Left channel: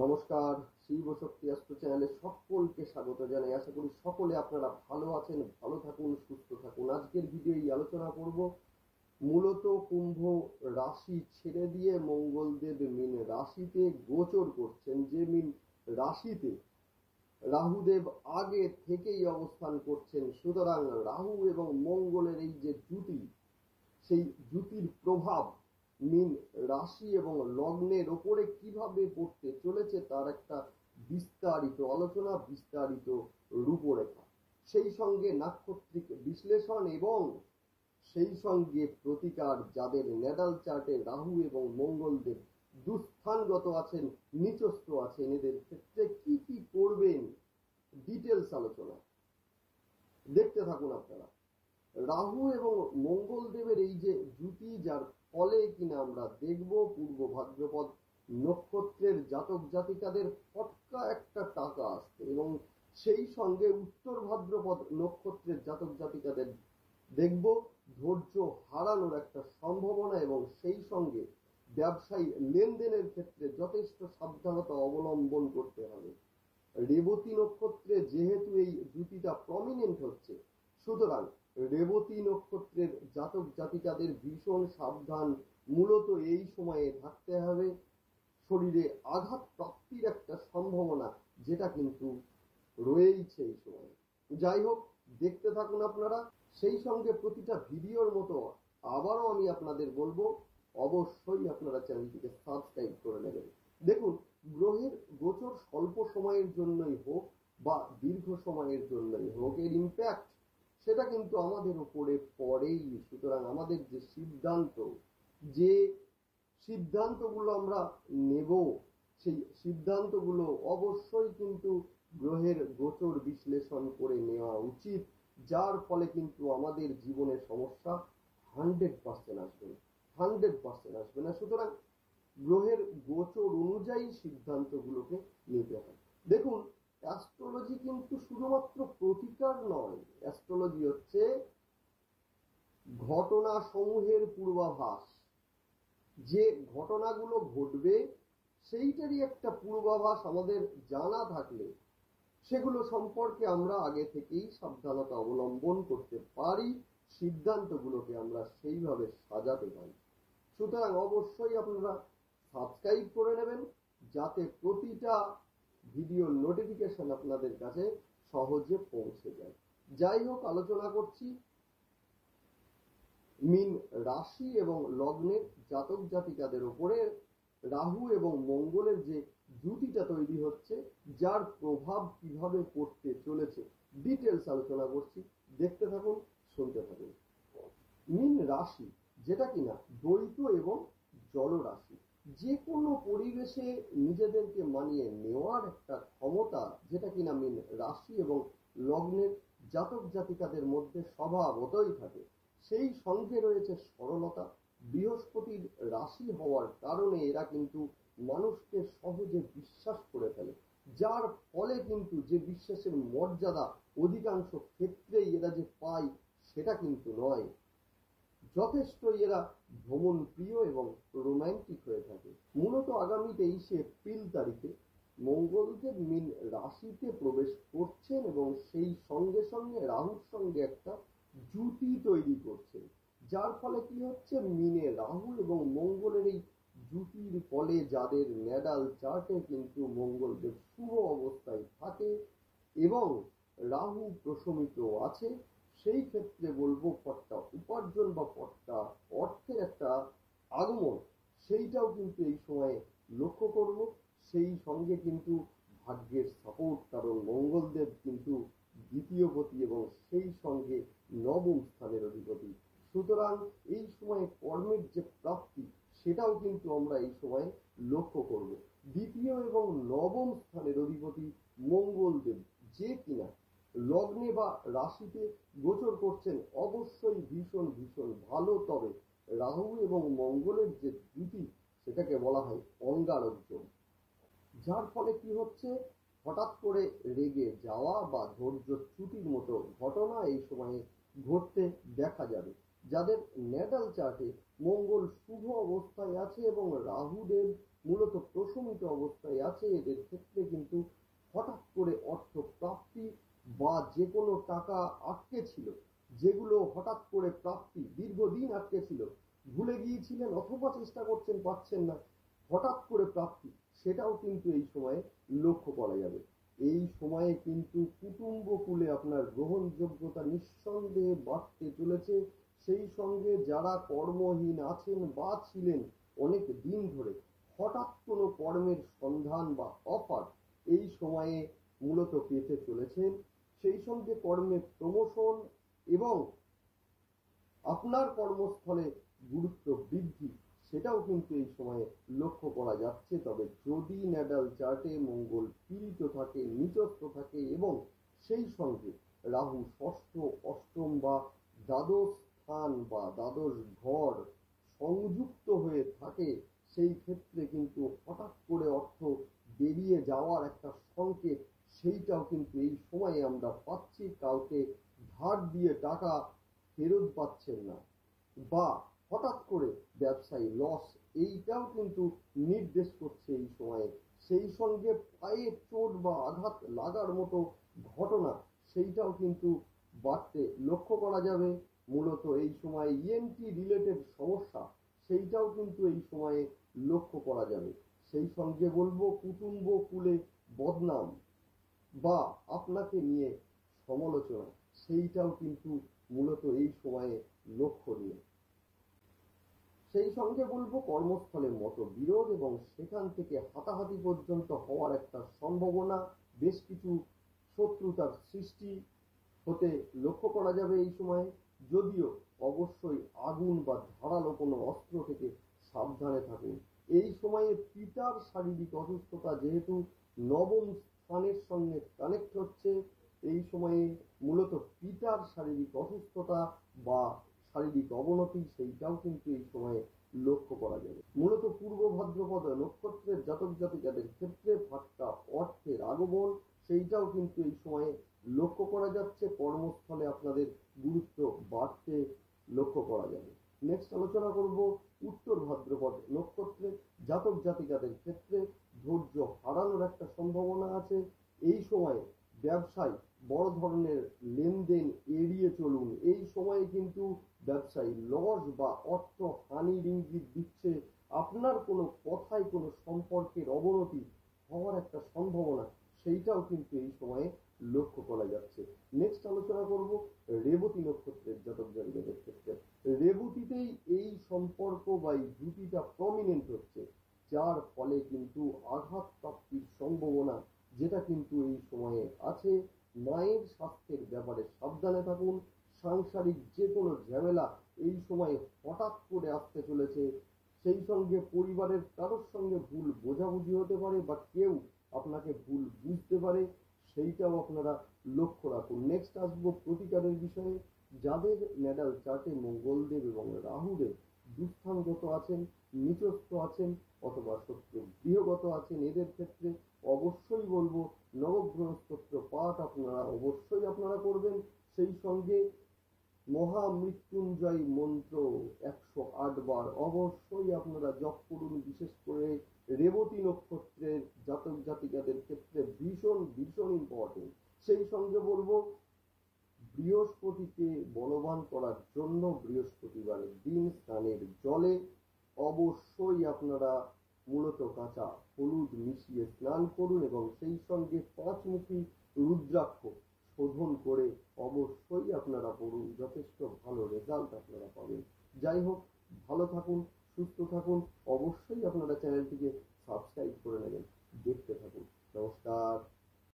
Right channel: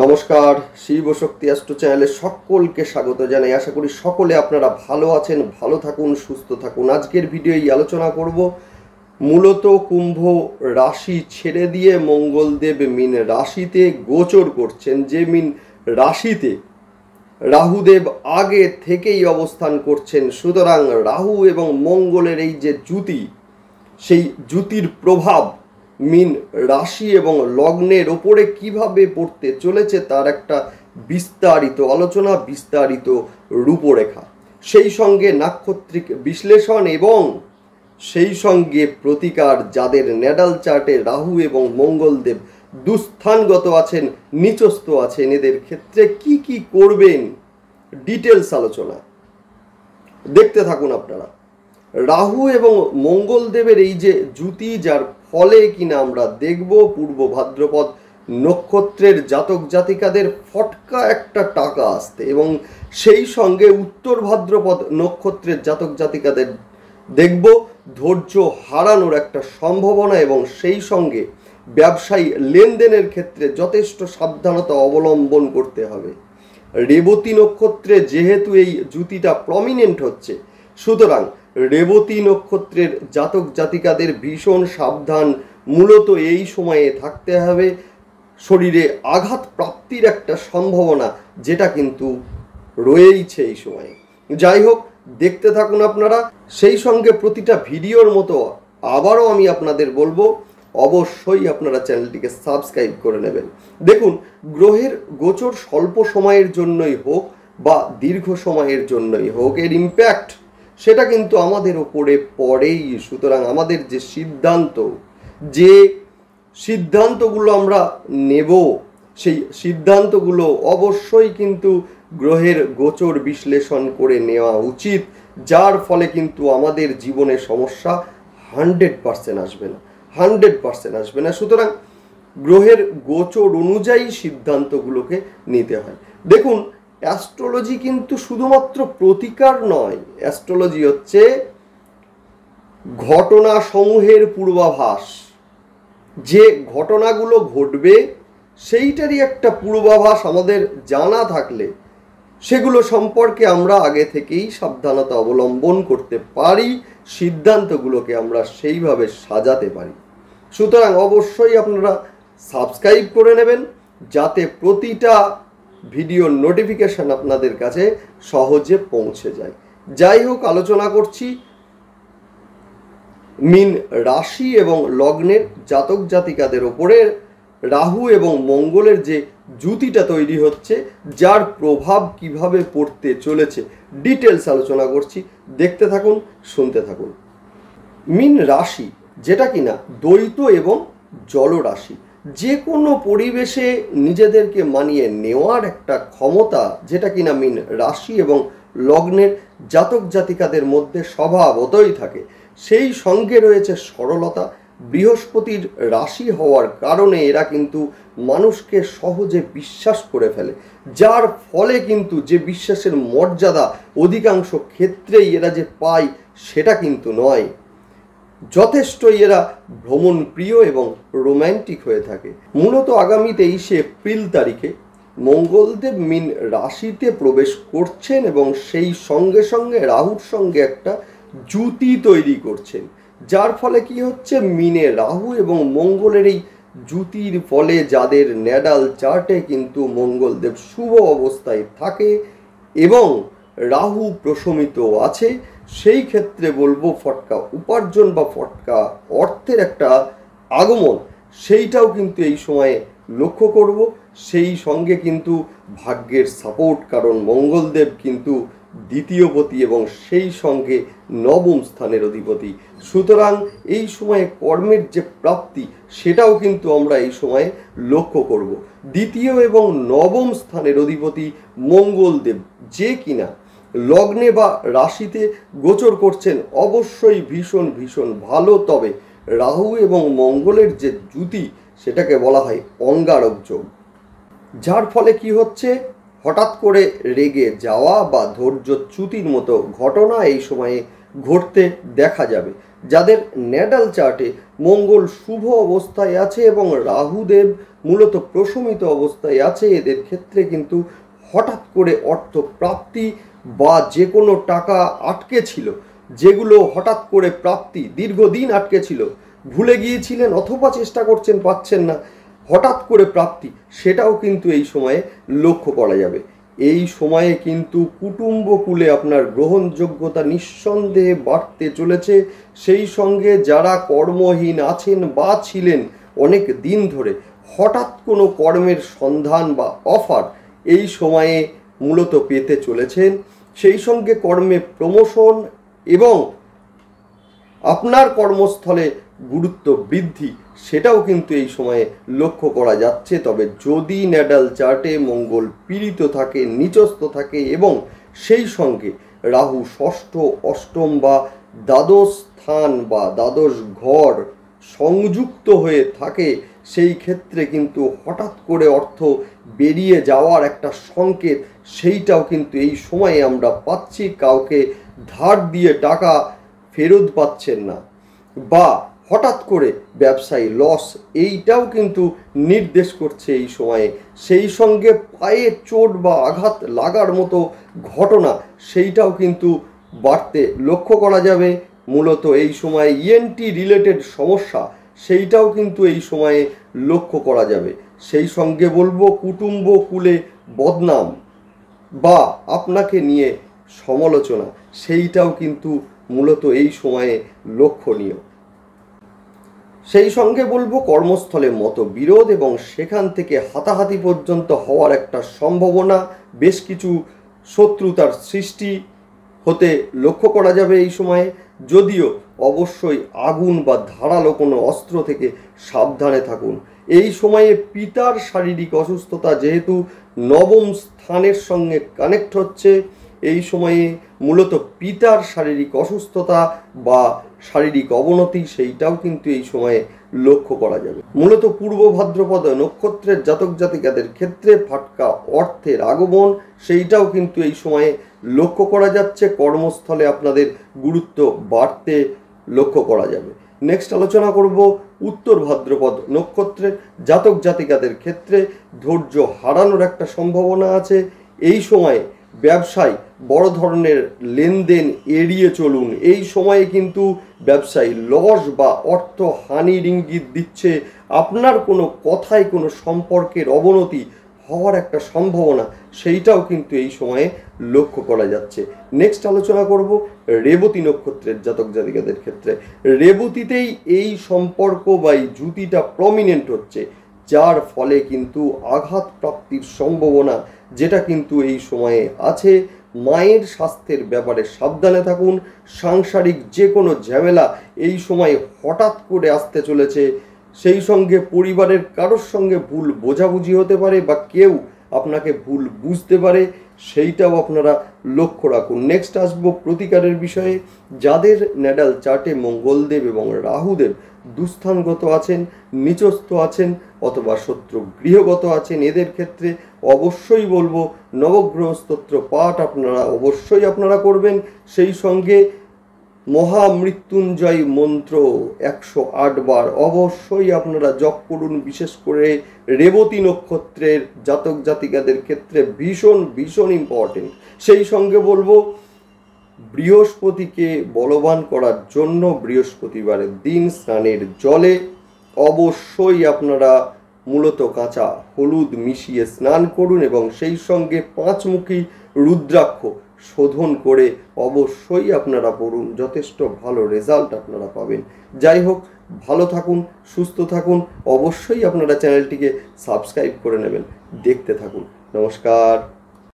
নমস্কার, শিব শক্তি অ্যাস্ট্রো চ্যানেলে সকলকে স্বাগত জানাই। আশা করি সকলে আপনারা ভালো আছেন, ভালো থাকুন, সুস্থ থাকুন। আজকের ভিডিও আলোচনা করব মূলত কুম্ভ রাশি ছেড়ে দিয়ে মঙ্গলদেব মীন রাশিতে গোচর করছেন। যে মীন রাশিতে রাহুদেব আগে থেকেই অবস্থান করছেন, সুতরাং রাহু এবং মঙ্গলের এই যে জ্যুতি, সেই জ্যুতির প্রভাব মীন রাশি এবং লগ্নের ওপরে কিভাবে পড়তে চলেছে তার একটা বিস্তারিত আলোচনা, বিস্তারিত রূপরেখা, সেই সঙ্গে নাক্ষত্রিক বিশ্লেষণ এবং সেই সঙ্গে প্রতিকার। যাদের ন্যাডাল চার্টে রাহু এবং মঙ্গলদেব দুস্থানগত আছেন, নিচস্থ আছেন, এদের ক্ষেত্রে কি কি করবেন, ডিটেলস আলোচনা দেখতে থাকুন আপনারা। রাহু এবং মঙ্গলদেবের এই যে জ্যুতি, যার ফলে কিনা আমরা দেখব পূর্ব ভাদ্রপদ নক্ষত্রের জাতক জাতিকাদের ফটকা একটা টাকা আসতে, এবং সেই সঙ্গে উত্তর ভাদ্রপদ নক্ষত্রের জাতক জাতিকাদের দেখব ধৈর্য হারানোর একটা সম্ভাবনা, এবং সেই সঙ্গে ব্যবসায়ী লেনদেনের ক্ষেত্রে যথেষ্ট সাবধানতা অবলম্বন করতে হবে। রেবতী নক্ষত্রে যেহেতু এই জ্যুতিটা প্রমিনেন্ট হচ্ছে, সুতরাং রেবতী নক্ষত্রের জাতক জাতিকাদের ভীষণ সাবধান মূলত এই সময়ে থাকতে হবে। শরীরে আঘাত প্রাপ্তির একটা সম্ভাবনা যেটা কিন্তু রয়েইছে এই সময়ে। যাই হোক, দেখতে থাকুন আপনারা। সেই সঙ্গে প্রতিটা ভিডিওর মতো আবারও আমি আপনাদের বলবো, অবশ্যই আপনারা চ্যানেলটিকে সাবস্ক্রাইব করে নেবেন। দেখুন, গ্রহের গোচর স্বল্প সময়ের জন্যই হোক বা দীর্ঘ সময়ের জন্যই হোক, এর ইম্প্যাক্ট সেটা কিন্তু আমাদের ওপরে পড়েই। সুতরাং আমাদের যে সিদ্ধান্তগুলো আমরা নেব, সেই সিদ্ধান্তগুলো অবশ্যই কিন্তু গ্রহের গোচর বিশ্লেষণ করে নেওয়া উচিত, যার ফলে কিন্তু আমাদের জীবনে সমস্যা 100% আসবে না, 100% আসবে না। সুতরাং গ্রহের গোচর অনুযায়ী সিদ্ধান্তগুলোকে নিতে হয়। দেখুন, অ্যাস্ট্রোলজি কিন্তু শুধুমাত্র প্রতিকার নয়, অ্যাস্ট্রোলজি হচ্ছে ঘটনা সমূহের পূর্বাভাস। যে ঘটনাগুলো ঘটবে সেইটারই একটা পূর্বাভাস আমাদের জানা থাকলে সেগুলো সম্পর্কে আমরা আগে থেকেই সাবধানতা অবলম্বন করতে পারি, সিদ্ধান্তগুলোকে আমরা সেইভাবে সাজাতে পারি। সুতরাং অবশ্যই আপনারা সাবস্ক্রাইব করে নেবেন, যাতে প্রতিটা ভিডিওর নোটিফিকেশন আপনাদের কাছে সহজে পৌঁছে যায়। যাই হোক, আলোচনা করছি মীন রাশি এবং লগ্নের জাতক জাতিকাদের ওপরে রাহু এবং মঙ্গলের যে জ্যুতিটা তৈরি হচ্ছে, যার প্রভাব কিভাবে পড়তে চলেছে ডিটেলস আলোচনা করছি। দেখতে থাকুন, শুনতে থাকুন। মীন রাশি যেটা কিনা দ্বৈত এবং জলরাশি, যে কোনো পরিবেশে নিজেদেরকে মানিয়ে নেওয়ার একটা ক্ষমতা যেটা কিনা মীন রাশি এবং লগ্নের জাতক জাতিকাদের মধ্যে স্বভাবতই থাকে। সেই সঙ্গে রয়েছে সরলতা। বৃহস্পতির রাশি হওয়ার কারণে এরা কিন্তু মানুষকে সহজে বিশ্বাস করে ফেলে, যার ফলে কিন্তু যে বিশ্বাসের মর্যাদা অধিকাংশ ক্ষেত্রেই এরা যে পায় সেটা কিন্তু নয়। যথেষ্টই এরা ভ্রমণ প্রিয় এবং রোম্যান্টিক হয়ে থাকে। মূলত আগামী 23 এপ্রিল তারিখে মঙ্গলদেব মীন রাশিতে প্রবেশ করছেন এবং সেই সঙ্গে সঙ্গে রাহুর সঙ্গে একটা জ্যুতি তৈরি করছেন, যার ফলে কি হচ্ছে, মীনে রাহু এবং মঙ্গলের এই জ্যুতির ফলে যাদের ন্যাডাল চার্টে কিন্তু মঙ্গলদেব শুভ অবস্থায় থাকে এবং রাহু প্রশমিত আছে, সেই ক্ষেত্রে বলবো ফটকা উপার্জন বা ফটকা অর্থের একটা আগমন, সেইটাও কিন্তু এই সময়ে লক্ষ্য করব। সেই সঙ্গে কিন্তু ভাগ্যের সাপোর্ট, কারণ মঙ্গলদেব কিন্তু দ্বিতীয়পতি এবং সেই সঙ্গে নবম স্থানের অধিপতি। সুতরাং এই সময়ে কর্মের যে প্রাপ্তি সেটাও কিন্তু আমরা এই সময়ে লক্ষ্য করব। দ্বিতীয় এবং নবম স্থানের অধিপতি মঙ্গলদেব যে কিনা লগ্নে বা রাশিতে গোচর করছেন, অবশ্যই ভীষণ ভীষণ ভালো। তবে রাহু এবং মঙ্গলের যে জ্যুতি সেটাকে বলা হয় অঙ্গারক যোগ, যার ফলে কি হচ্ছে, হঠাৎ করে রেগে যাওয়া বা ধৈর্যচ্যুতির মতো ঘটনা এই সময়ে ঘটতে দেখা যাবে। যাদের ন্যাডাল চার্টে মঙ্গল শুভ অবস্থায় আছে এবং রাহুদেব মূলত প্রশমিত অবস্থায় আছে। এদের ক্ষেত্রে কিন্তু হঠাৎ করে অর্থ প্রাপ্তি বা যে কোনো টাকা আটকে ছিল, যেগুলো হঠাৎ করে প্রাপ্তি দীর্ঘদিন আটকে ছিল, ভুলে গিয়েছিলেন অথবা চেষ্টা করছেন পাচ্ছেন না, হঠাৎ করে প্রাপ্তি, সেটাও কিন্তু এই সময়ে লক্ষ্য করা যাবে। এই সময়ে কিন্তু কুটুম্বকুলে আপনার গ্রহণযোগ্যতা নিঃসন্দেহে বাড়তে চলেছে। সেই সঙ্গে যারা কর্মহীন আছেন বা ছিলেন অনেক দিন ধরে, হঠাৎ কোনো কর্মের সন্ধান বা অফার এই সময়ে মূলত পেতে চলেছেন। সেই সঙ্গে কর্মে প্রমোশন এবং আপনার কর্মস্থলে গুরুত্ব বৃদ্ধি, সেটাও কিন্তু এই সময়ে লক্ষ্য করা যাচ্ছে। তবে যদি ন্যাটাল চার্টে মঙ্গল পীড়িত থাকে, নিচস্থ থাকে এবং সেই সঙ্গে রাহু ষষ্ঠ, অষ্টম বা দ্বাদশ স্থান বা দ্বাদশ ঘর সংযুক্ত হয়ে থাকে, সেই ক্ষেত্রে কিন্তু হঠাৎ করে অর্থ বেরিয়ে যাওয়ার একটা সংকেত, সেইটাও কিন্তু এই সময়ে আমরা পাচ্ছি। কাউকে ধার দিয়ে টাকা ফেরত পাচ্ছেন না বা হঠাৎ করে ব্যবসায়ী লস, এইটাও কিন্তু নির্দেশ করছে এই সময়ে। সেই সঙ্গে পায়ে চোট বা আঘাত লাগার মতো ঘটনা, সেইটাও কিন্তু বাড়তে লক্ষ্য করা যাবে। মূলত এই সময়ে ইএনটি রিলেটেড সমস্যা, সেইটাও কিন্তু এই সময়ে লক্ষ্য করা যাবে। সেই সঙ্গে বলবো কুটুম্বকুলে বদনাম বা আপনাকে নিয়ে সমালোচনা, সেইটাও কিন্তু মূলত এই সময়ে লক্ষণীয়। সেই সঙ্গে বলবো কর্মস্থলে মতবিরোধ এবং সেখান থেকে হাতাহাতি পর্যন্ত হওয়ার একটা সম্ভাবনা, বেশ কিছু শত্রুতার সৃষ্টি হতে লক্ষ্য করা যাবে এই সময়ে। যদিও অবশ্যই আগুন বা ধারালো কোনো অস্ত্র থেকে সাবধানে থাকুন। এই সময়ে পিতার শারীরিক অসুস্থতা যেহেতু নবম স্থানের সঙ্গে কানেক্ট হচ্ছে, এই সময়ে মূলত পিতার শারীরিক অসুস্থতা বা শারীরিক অবনতি, সেইটাও কিন্তু এই সময়ে লক্ষ্য করা যাবে। মূলত পূর্ব ভাদ্রপদ নক্ষত্রের জাতক জাতিকাদের ক্ষেত্রে ফাটকা অর্থের আগমন, সেইটাও কিন্তু এই সময়ে লক্ষ্য করা যাচ্ছে। কর্মস্থলে আপনাদের গুরুত্ব বাড়তে লক্ষ্য করা যাবে। নেক্সট আলোচনা করব উত্তর ভাদ্রপদ নক্ষত্রের জাতক জাতিকাদের ক্ষেত্রে ধৈর্য হারানোর একটা সম্ভাবনা আছে। এই সময়ে ব্যবসায় বড় ধরনের লেনদেন এড়িয়ে চলুন। এই সময়ে কিন্তু ব্যবসায়ী লস বা অর্থ হানির ইঙ্গিত দিচ্ছে। আপনার কোনো কথায় কোনো সম্পর্কের অবনতি হওয়ার একটা সম্ভাবনা, সেইটাও কিন্তু এই সময়ে লক্ষ্য করা যাচ্ছে। নেক্সট আলোচনা করব রেবতী নক্ষত্রের জাতক জাতিকাদের ক্ষেত্রে। রেবতীতেই এই সম্পর্ক বা এই জুতিটা প্রমিনেন্ট হচ্ছে, যার ফলে কিন্তু আঘাত প্রাপ্তির সম্ভাবনা, যেটা কিন্তু এই সময়ে আছে। মায়ের স্বাস্থ্যের ব্যাপারে সাবধানে থাকুন। সাংসারিক যে কোনো ঝামেলা এই সময় হঠাৎ করে আসতে চলেছে। সেই সঙ্গে পরিবারের কারোর সঙ্গে ভুল বোঝাবুঝি হতে পারে বা কেউ আপনাকে ভুল বুঝতে পারে, সেইটাও আপনারা লক্ষ্য রাখুন। নেক্সট আসবো প্রতিকারের বিষয়ে। যাদের ন্যাটাল চার্টে মঙ্গলদেব এবং রাহুদেব দুস্থানগত আছেন, নিচস্থ আছেন অথবা শত্রু গৃহগত আছেন, এদের ক্ষেত্রে অবশ্যই বলবো নবগ্রহ স্তোত্র পাঠ অবশ্যই আপনারা করবেন। সেই সঙ্গে মহামৃত্যুঞ্জয় মন্ত্র 108 বার অবশ্যই আপনারা জপ করুন। বিশেষ করে রেবতী নক্ষত্রের জাতক জাতিকাদের ক্ষেত্রে ভীষণ ভীষণ ইম্পর্টেন্ট। সেই সঙ্গে বলবো বৃহস্পতিকে বলবান করার জন্য বৃহস্পতিবারের দিন স্নানের জলে অবশ্যই আপনারা মূলত কাঁচা হলুদ মিশিয়ে স্নান করুন এবং সেই সঙ্গে 5 মুখী রুদ্রাক্ষ শোধন করে অবশ্যই আপনারা পড়ুন। যথেষ্ট ভালো রেজাল্ট আপনারা পাবেন। যাই হোক, ভালো থাকুন, সুস্থ থাকুন। অবশ্যই আপনারা চ্যানেলটিকে সাবস্ক্রাইব করে নেবেন। দেখতে থাকুন। নমস্কার।